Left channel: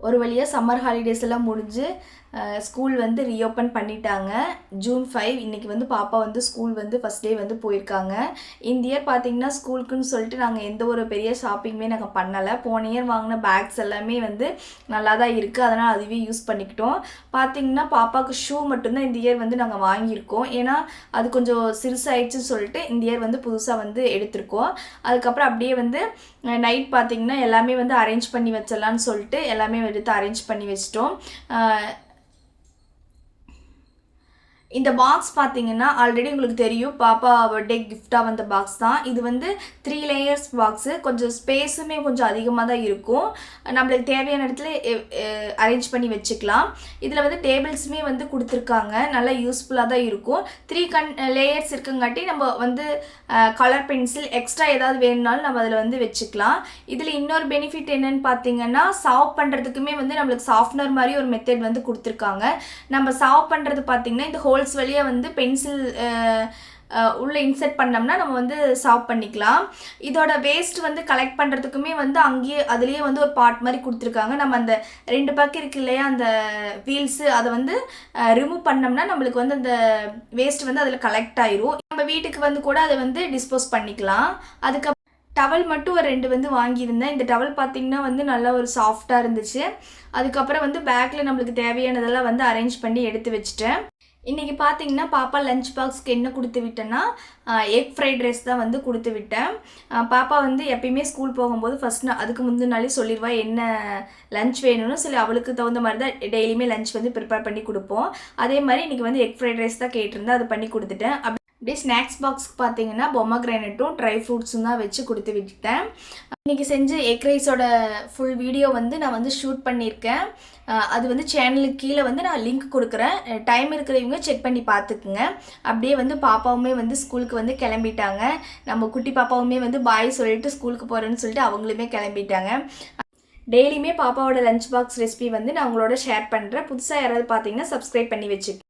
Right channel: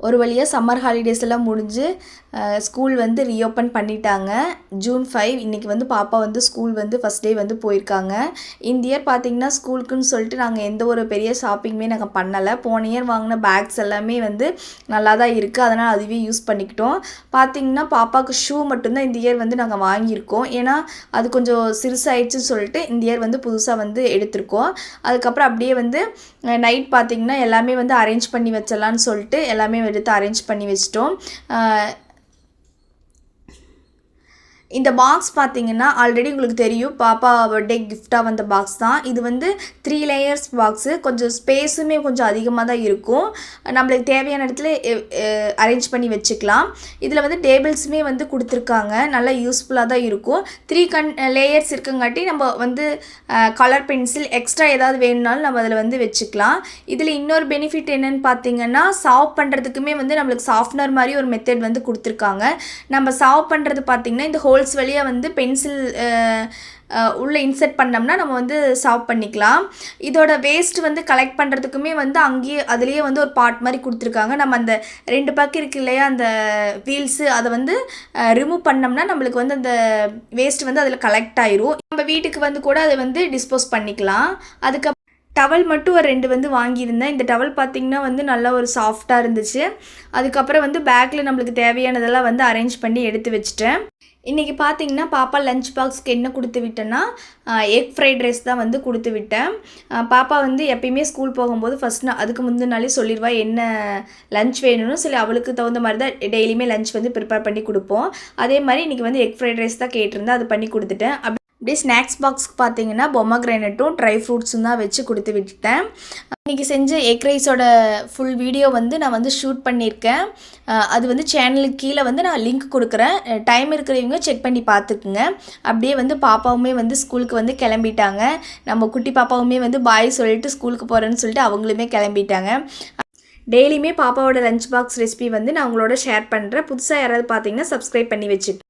ஒரு வழியாக summer holidays எல்லாம் முடிஞ்சு ஸ்கூல் வந்து ரீஓப்பன் பண்ணிட்டாங்க. ஜூன் 5 இன்றைக்கி வந்து பாப்பா வந்து ஸ்கூல் வந்து ஃபஸ்ட் டே வந்து போயிருக்காங்க. இந்த இயர் பார்த்திங்கன்னா ஸ்கூலுக்குன்னு சொல்லிட்டு நாங்கள் எந்த ஒரு பெரிய ஷாப்பிங்குமே நாங்கள் பண்ணலை. போன இயர் வாங்கின பேக்ஸ் எல்லாமே வந்து நல்லா தான் இருக்குது. அதனால் அதுவே யூஸ் பண்ணிக்கிட்டோம். பார்த்திங்கன்னா பாப்பாவுக்கு ஷூ மட்டும்தான் இந்த இயர் வந்து நாங்கள் வாங்கியிருக்கோம். ஏன்னா அது கொஞ்சம் சிறுசாயிடுச்சுன்னு சொல்லிட்டு இந்த இயர் வந்து புதுசாக வந்து எடுத்திருக்கோம். அதுக்கப்புறம் அப்படியே வந்து நைட் பார்த்திங்கன்னா எல்லாமே வந்து அரேஞ்ச் பண்ணி வச்சிடலான்னு சொல்லிட்டு எல்லாமே எடுத்து அரேஞ்ச் பண்ணி வச்சிட்டோம். இந்த பாக்ஸ் பார்த்தீங்கன்னா ஆல்ரெடி உங்களுக்கு தெரியும், பாப்பா பர்த்டே கிஃப்டாக வந்த பாக்ஸ் தான் இது. வந்து 3 லேயர்ஸ் பாக்ஸு. கொஞ்சம் ஸ்பேஸுமே கொஞ்சம் அதிகமாக தான் இருக்கும். நம்மளுக்கு தேவையான இடத்துல அரேஞ்ச் பண்ணி வச்சுக்கலாம். இதில் வந்து டேபிள்ஸுமே வந்து கொடுத்துருக்காங்க. நல்லா யூஸ்ஃபுல்லாக தான் இருக்கும். 3 லேயர்ஸ் இருக்குங்காட்டி நம்ம வந்து கலர் பென்சில் எக்ஸ்ட்ரா ஏதாவது வேணும்னாலும் நம்ம அதில் வந்து வச்சுக்கலாம். இதில் இன்னொரு பெனிஃபிட் என்னென்னு பார்த்தீங்கன்னா, சாவ் பண்ணுறதுக்குமே வந்து நம்மளுக்கு சாஃப்ட்னர் மாதிரி ஒரு மெத்தட் வந்து கொடுத்துருக்காங்க. நம்ம சாவ் பண்ணுறது பார்த்திங்கன்னா இந்த ஹோல்ஸ் வழியாக வந்து பென்சில் உள்ளே இன்செர்ட் பண்ணோம்னா நம்ம வந்து சாவ் பண்ணிக்கலாம். இதோட வேஸ்ட் வந்து கலெக்ட் பண்ணுறதுக்குமே வந்து அங்கேயே அதுலேயே வந்து ஒரு பார்ட் மாதிரி கொடுத்துருக்காங்க. நம்ம அந்த 2 பக்கம் இருக்கு இல்லையா, அந்த வீல்ஸு, அதை வந்து ரிமூவ் பண்ணோம்னா நம்மளுக்கு வந்து அந்த வேஸ்ட் வந்து அதில் கலெக்ட் ஆயிரும். நம்ம வீட்டுக்கு வந்து கூட அதை வந்து டிஸ்போஸ் பண்ணிக்கலாம். அதுக்கப்புறம் டவல் மட்டும் ஒரு 2 வந்து வாங்கியிருந்தேன். இந்த டவல் பார்த்திங்கன்னா வந்து நல்லா ஒரு சாஃப்டாக இருந்துச்சு. அதுக்கப்புறம் வந்து பேக்கில் நம்மளுக்கு தேவையானதெல்லாம் வந்து அரேஞ்ச் பண்ணி எடுத்து வச்சுட்டேன். இன்றைக்கி பார்த்திங்கன்னா பாப்பா லஞ்ச் பாக்ஸ்க்கு என்ன கொடுத்து விட்டேன்னா, எக் ஃப்ரைட் ரைஸ் தான் வந்து கொடுத்து விட்டேன். பாப்பா வந்து எப்பயுமே ஸ்கூல் போகும்போது ஃபஸ்ட் அதுக்கு முந்தின நாளே சொல்லிடுவா என்ன லஞ்ச் வேணும்னு சொல்லி. அவளுக்கு தகுந்த மாதிரி தான் டெய்லியுமே லஞ்ச் வந்து ப்ரிப்பேர் பண்ணி கொடுப்போம். அதே மாதிரி இன்றைக்கி வந்து எக் ஃப்ரைட் ரைஸ் தான் கேட்டிருந்தேன், அது பண்ணி கொடுத்துட்டேன். அப்படியே ஸ்நாக்ஸ் பாக்ஸ்க்கு பார்த்தீங்கன்னா பொமக்ரேனட்டும் ட்ரை ஃப்ரூட்ஸும் தான் வச்சு கொடுத்து விட்டுட்டேன். இன்றைக்கி செஞ்ச எக் ரைஸோட ஃபுல் வீடியோ வந்து நான் வந்து ஷூட் பண்ணியிருக்கேன். அது வந்து சேனலுக்கு கீழே வந்து நான் லிங்க் கொடுக்குறேன். டைம் இருக்கிறவங்க செக் பண்ணி பார்த்துக்குங்க. அப்படியே வந்து பாப்பாவுமே வந்து ஸ்கூலுக்கு வந்து கிளம்பிட்டாங்க. நம்ம குட்டி பாப்பாவுமே வந்து பாய் சொல்லிட்டு ஸ்கூலுக்கு போகிறேன்னு சொல்லிட்டு அவங்களுமே கிளம்பிட்டாங்க. டெய்லியுமே பாப்பாவோட லஞ்ச் பாக்ஸ் ரெசிபி வந்து நான் உங்களோட ஷேர் பண்ணுறேன். புதுசாக யாராவது பார்த்தீங்கன்னா சப்ஸ்கிரைப் பண்ணி வச்சுக்கேன்.